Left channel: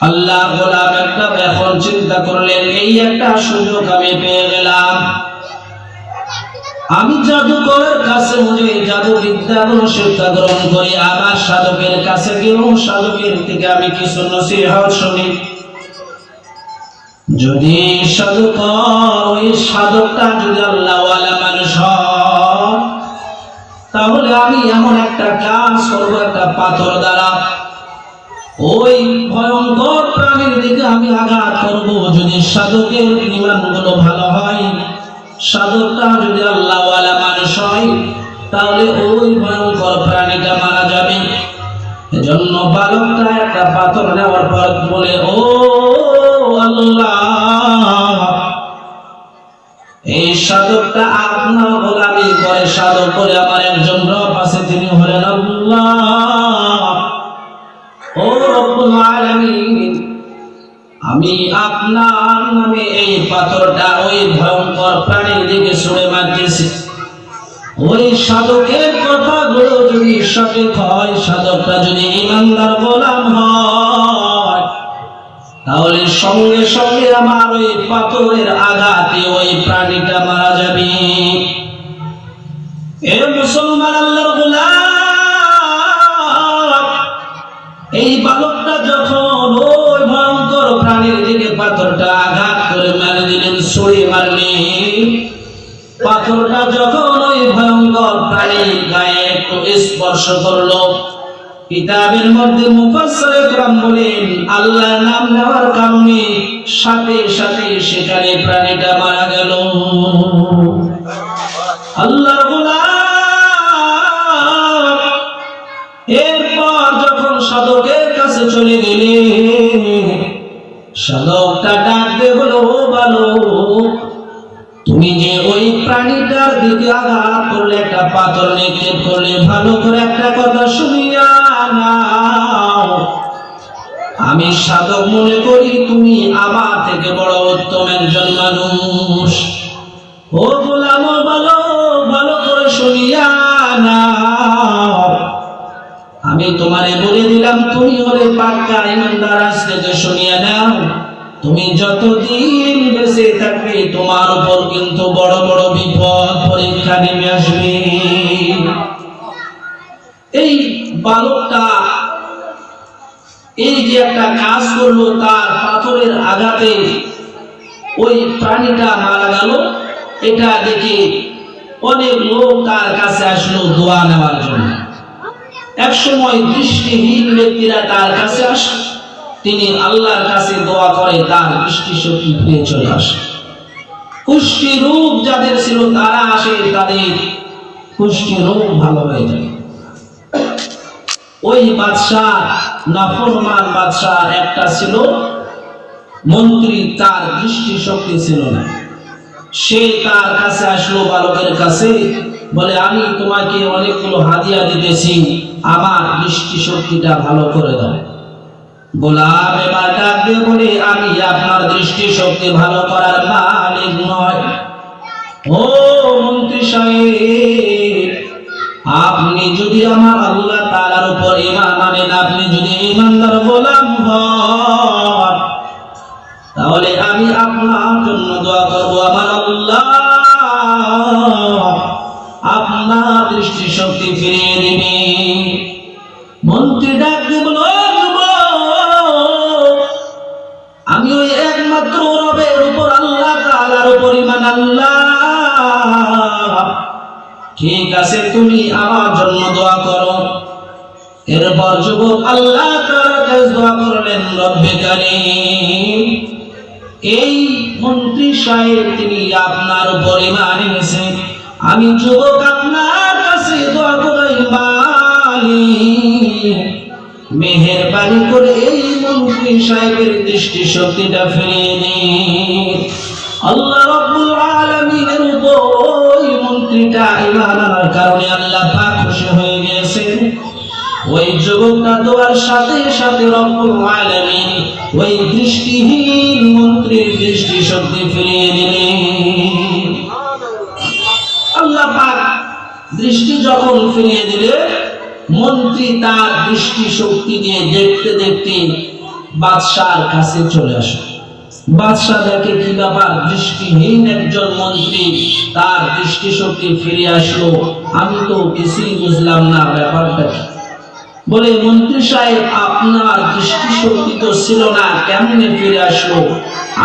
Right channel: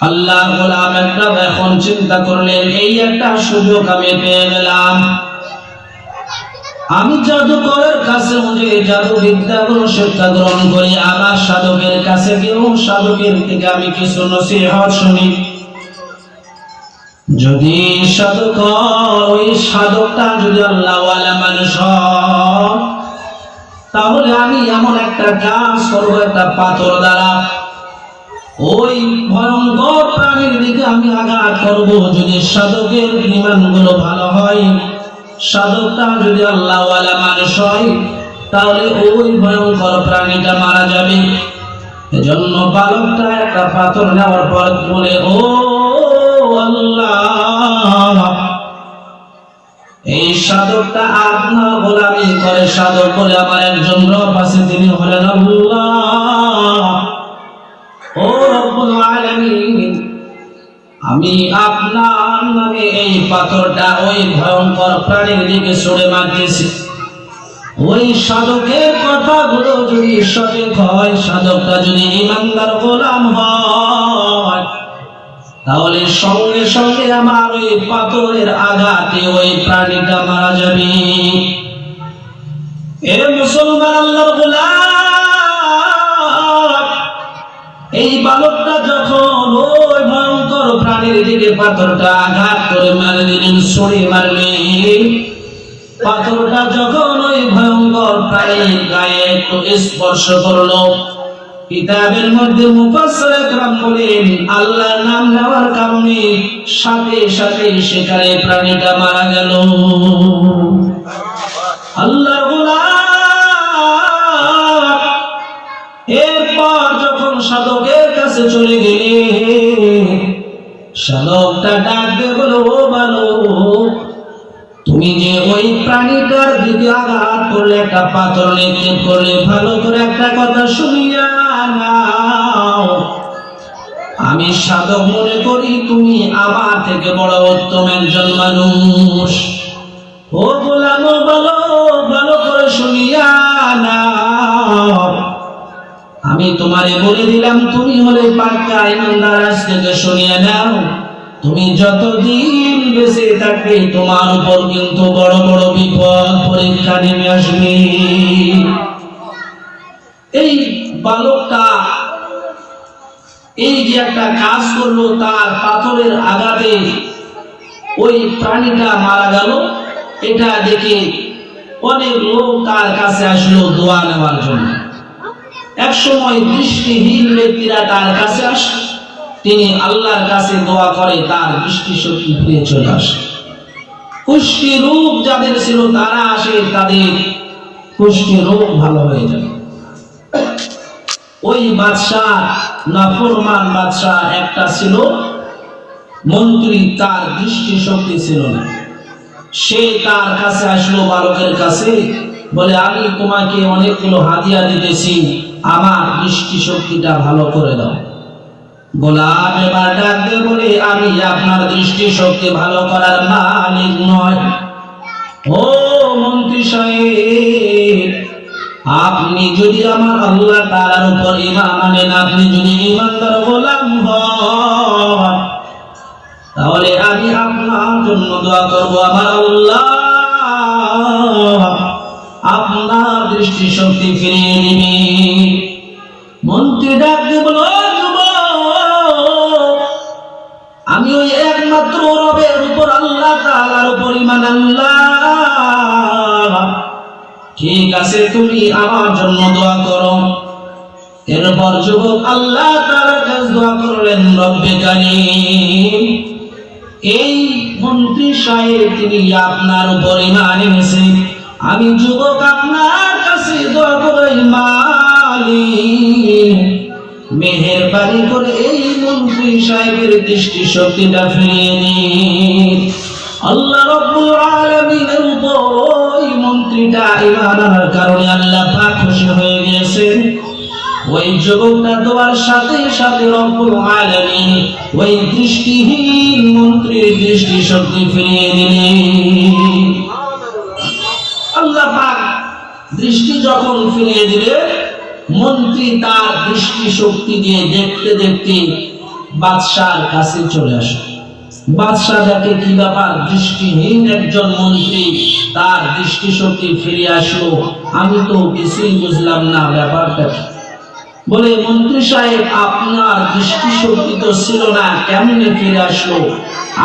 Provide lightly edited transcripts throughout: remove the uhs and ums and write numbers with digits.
আল্লাহর গোলাম একটা এখন চিন্তা করলেন, এই একটা সুযোগ আমি পেয়ে গেলাম। আমি জাদুকরের কাছে যে জাদু বিদ্যাগুলো শিক্ষা গ্রহণ করি, আবার সাধকের কাছে গিয়েও সাধকের থেকে আমি কিছু নসিহত শুনি। যদি সাধকর ওই সাধকটা যদি আল্লাহওয়ালা মানুষ হয়, তাহলে আমি এমন একটা কাজ করব, একটা পাথর দ্বারা ওই ভয়ঙ্কর প্রাণীর দিকে আমি আঘাত করব। যদি সাধকের ঈমানগুলো ভালো হয়, সাধকটা যদি আল্লাহওয়ালা মানুষ হয়, তাহলে ওই ভয়ঙ্কর প্রাণীটা মারা যাবে। এজন্য বালকটা একটা পাথর নেওয়ার পর বলে, ও আল্লাহ, এই সাধকটা আপনার গোলামি করে। সাধক বলে, আমার একজন রব আছে, তিনি হলেন আল্লাহ। ও রব্বুল আলামিন, আমি আপনার নামে এই পাথরটা ওই ভয়ঙ্কর প্রাণীর দিকে ছুঁড়ে মারতেছি। ওই সাধকের কথাগুলো যদি সঠিক হয়, সাধকটা যদি ঈমানদার গোলাম হয়, তাহলে সঙ্গে সঙ্গে আমার ওই পাথরের আঘাতে ওই প্রাণীটা মারা যাবে। এ মুসলমান আল্লাহর গোলাম, এই বালকটা যখন ওই ভয়ঙ্কর প্রাণীর দিকে পাথরটা আঘাত করে মারে দিলেন, ছুঁড়ে মারলেন, পাথরটা যখন ওই ভয়ঙ্কর প্রাণীর গায়ে একটু স্পর্শ করলো, কিতাবের মধ্যে মুফাসসিরে কেরাম বলেন, আল্লাহর নাম নেওয়ার কারণে সাথে সাথে সেখানে প্রাণীটা মারা গেল। আল্লাহর গোলাম এরপর যখন সাধকের কাছে চলে গেলে, সাধকটা ডাক দিয়ে বলো, ও বালক, তুমি যে ওই প্রাণীটার দিকে আঘাত করলে, একটা পাথর নিক্ষেপ করলে, ভালো করে একটা কথা শুনিয়া নাও। আমি সাধক মনে করি তুমি আমার থেকে বড় উত্তম একজন মানুষ। ও গোলাম, বলো, ভালো করে শুনিয়া নাও। আমি তোমারে বলে দিলাম, তুমি হলে পাক্কা ঈমানদার। আজ থেকে শুনিয়া নাও, তুমি যতদিন বেঁচে থাকবে, তোমার উপর কিন্তু বড় বড় বিপদ পরীক্ষা নেমে আসবে। এই বালকটা এই যে একটা কাজ করলো, তার পাথরের আঘাতে ওই প্রাণীটা মারা গেল। এটা দেখে অনেক লোক তার কাছে আসলো দোয়া নেওয়ার জন্য। এক সময় দৃষ্টিহীন ব্যক্তিরা তার কাছে আসে, তিনি আল্লাহর কাছে দোয়া করে, তার দৃষ্টিশক্তি ফিরে চলে আসে। কুষ্টি রোগ যাদের ছিল তারা আসে, তাদের কুষ্টি রোগ ভালো হয়ে যায়। ওই বাদশাহ, নাফরমান বাদশাহ একটা ছিল মন্ত্রী, তার দৃষ্টিশক্তি ছিল না। সে তার কাছে আসলো, বালকের কাছে বলে, আমি তোমাকে অনেকগুলো হাদিয়া দিতেছি, আমার দৃষ্টিশক্তিটা ভালো করে দাও। গোলাম এবার ডাক দিয়ে বলে, আমি আপনার দৃষ্টিশক্তি ভালো করার মালিক নয়। ও মন্ত্রী সাহেব, আপনি যদি আমার আল্লাহ তাআলার উপর ঈমান আনেন, আপনি যদি ঈমানদার গোলাম হন, তাহলে আমি আপনার জন্য দোয়া করব, আমার আল্লাহ আপনার দৃষ্টিশক্তি ফিরিয়ে দিবে। মন্ত্রী ডাক দিয়ে বলল, আমি ওই একমাত্র রবের উপর, আল্লাহ তাআলার উপর ঈমান আনলাম। ঠিক আছে, তুমি আমার জন্য দোয়া করো। এরপর যুবক আল্লাহ তাআলার কাছে দোয়া করলেন, রব্বে কারীম, এই মন্ত্রী সাহেব তিনি আপনার উপর ঈমান এনেছে, আমি যুবক আপনার কাছে দোয়া করি, মালিক মেহেরবানি করে এই মন্ত্রী সাহেবের দৃষ্টি শক্তিটা ফিরিয়ে দিন। আল্লাহ রাব্বুল আলামিনের উপর ওই মন্ত্রীটা ঈমান আনার কারণে আল্লাহ পাক খুশি হয়ে গিয়েছেন। ওই যুবকটা দোয়ার সাথে সাথে রব্বুল আলামিন ওই দৃষ্টিহীন মন্ত্রীর দৃষ্টি শক্তি ফিরিয়ে দিলেন। আল্লাহ পাক দৃষ্টি যখন ফিরিয়ে দিলে, মন্ত্রী তার দৃষ্টি শক্তি দিয়ে দেখতে দেখতে বাদশার কাছে চলে আসে। বাদশাহ দেখে কি ব্যাপার, দৃষ্টিহীন একজন মন্ত্রী, তার দৃষ্টিশক্তি ফিরে আসলো। আমি তো কিছুই বুঝলাম না, ব্যাপারটা কি? বলে, মন্ত্রী সাহেব, আপনার দৃষ্টিশক্তি তো ছিল না, কেমনে ফিরে আসলো?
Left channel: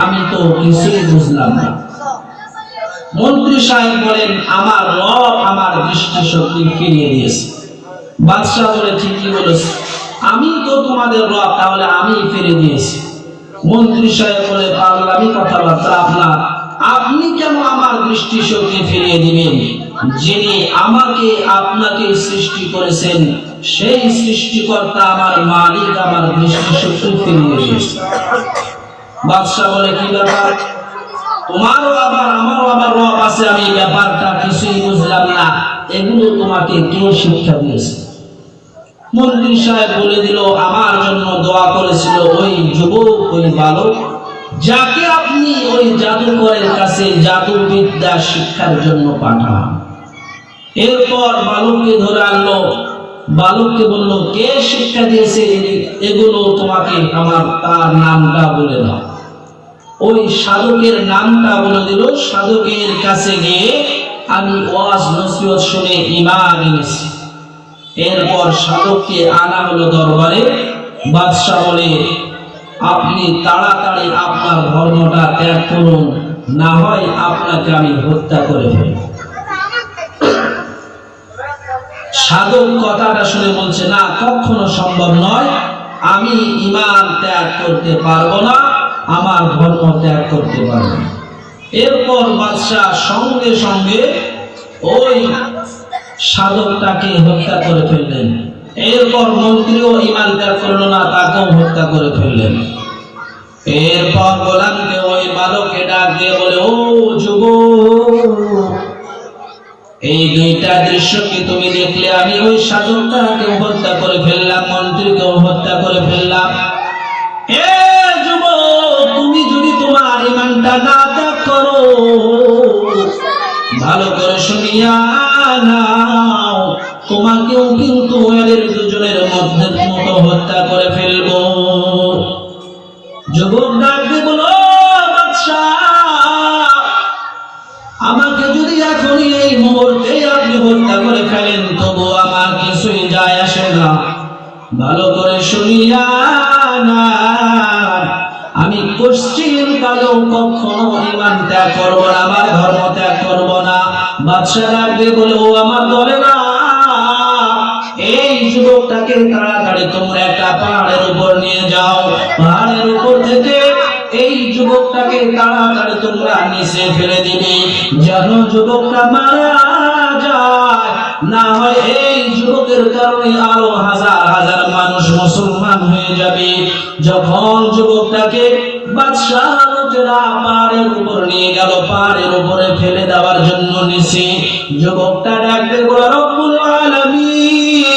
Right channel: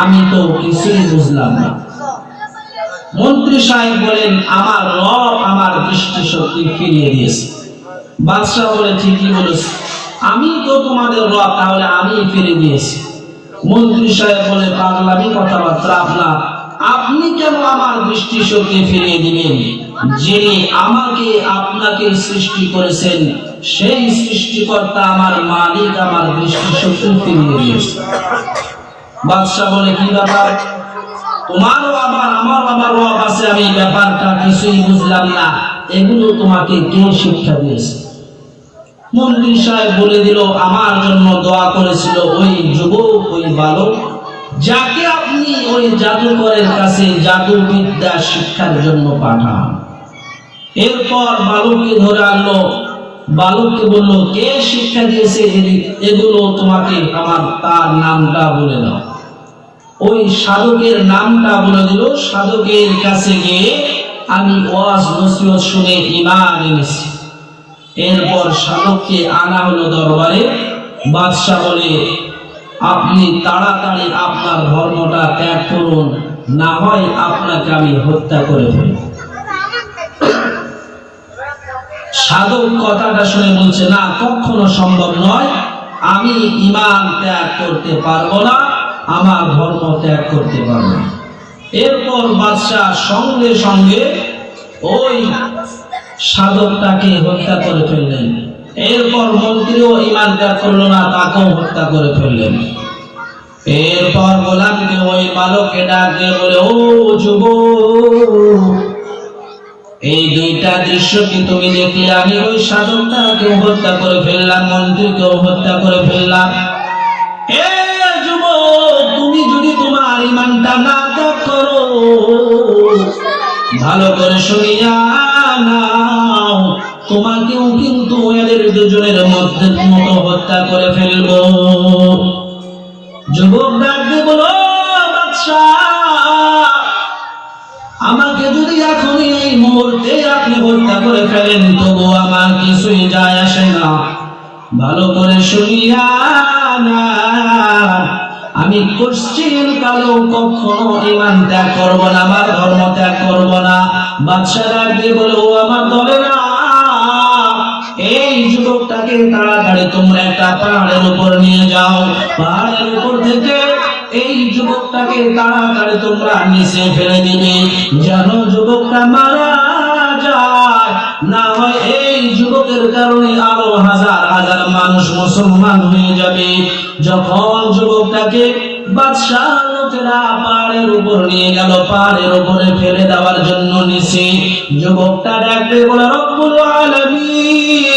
আমি তো কিছুই বুঝলাম না। মন্ত্রী সাহেব বলেন, আমার রব আমার দৃষ্টিশক্তি ফিরিয়ে দিয়েছে। বাদশাহ বলে, ঠিকই বলেছে, আমি তো তোমাদের রব, তাহলে আমি ফিরে দিয়েছি। মন্ত্রী সাহেব বলে, পাগলামি কথাবার্তা আপনার, আপনি কেন আমার দৃষ্টিশক্তি ফিরিয়ে দিবেন? যিনি আমাকে আপনাকে সৃষ্টি করেছেন, সেই সৃষ্টিকর্তা আমার মালিক আমার দৃষ্টিশক্তি ফিরিয়ে দিয়েছে। বাদশাহ বলে, কি ব্যাপার? তোমারও আবার আমারও আবার রব আছে, আমি ব্যাপারটা কিছুই বুঝলাম না, এগুলো তোমাকে কে শিক্ষা দিয়েছে? মন্ত্রী সাহেব বলে দিল, আমার জন্য দোয়া করেছিল ওই যুবক, ওই বালক, যাকে আপনি ওই জাদুকরের কাছে জাদুবিদ্যা শিক্ষার জন্য পাঠান। এরপর বালককে ধরে আনলো, বালককে বলল, কে শিক্ষা দিয়েছে এগুলো তোমাকে? আমার তার নামটা বলে দাও। ওই সাধকের নামটা বলে দিল। সাধকের কাছে গিয়ে আমি ওয়াজ নসিহত শুনে ঈমান এনেছি। এরপর সাধককে আনা হলো দরবারে। বাদশাহ বলে, আপনি তাড়াতাড়ি আপনার ধর্মটা ত্যাগ করুন, না হয় আপনাকে আমি হত্যা করে ফেলব। সাধক কথাটা শুনে বলছে, না, কখনো সম্ভব নয়, আমি ঈমান ত্যাগ করতে পারবো না, আমার ধর্ম ত্যাগ করতে পারবো না। এরপর বাদশাহ সঙ্গে সঙ্গে ওই সাধকটাকে হত্যা করে ফেললেন। এরপর মন্ত্রীও ঈমান ত্যাগ করলো না, তাকেও হত্যা করে ফেললেন। এরপর গোলামকে ওই বালককে ডাক দিয়ে বলে, ও যুবক, এই দুইটা দৃশ্য কি তুমি দেখলে? আমি ওই সাধকটাকেও হত্যা করে ফেললাম, মন্ত্রীকেও হত্যা করে ফেললাম। এ যুবক, তুমি যদি তোমার ঈমানটা না ত্যাগ করো, ভালো করে শুনিয়া নাও, তোমাকেও কিন্তু এদের দুজনের মধ্যে মতো হত্যা করে ফেলবো। যুবক ডাক দিয়ে বলো, বাদশাহ, আমাকে যদি এখনই এই মুহূর্তে আপনি হত্যা করে ফেলেন, তবু আমার কিছুই যায় আসে না। ভালো করে শুনিয়া না, আমি কোশ্চিন কালেও কখনো ঈমান ত্যাগ করবো না, আমার ধর্ম ত্যাগ করবো না। বাদশাহ ডাক দিয়ে বলে, ও আমার দলে না, এই যুবকটাকে তাড়াতাড়ি তোমরা একটা পাহাড়ের উপর নিয়ে যাও। পাহাড়ের উপর থেকে এই যুবকটাকে তাড়াতাড়ি তোমরা নিচে ফেলে দিবে, যেন যুবকটা মারা যায়। না হয় এই যুবকের কারণে আরো হাজার হাজার মানুষ মুসলমান হয়ে যাবে। যখন যুবকটাকে বাদশাহ লোকেরা পাহাড়ের উপর নিয়ে গেল, পাহাড়ের উপরে ফেলে দেওয়ার জন্য নিচে, যুবকটা ডাকতে বলে, রব্বুল আলামিন,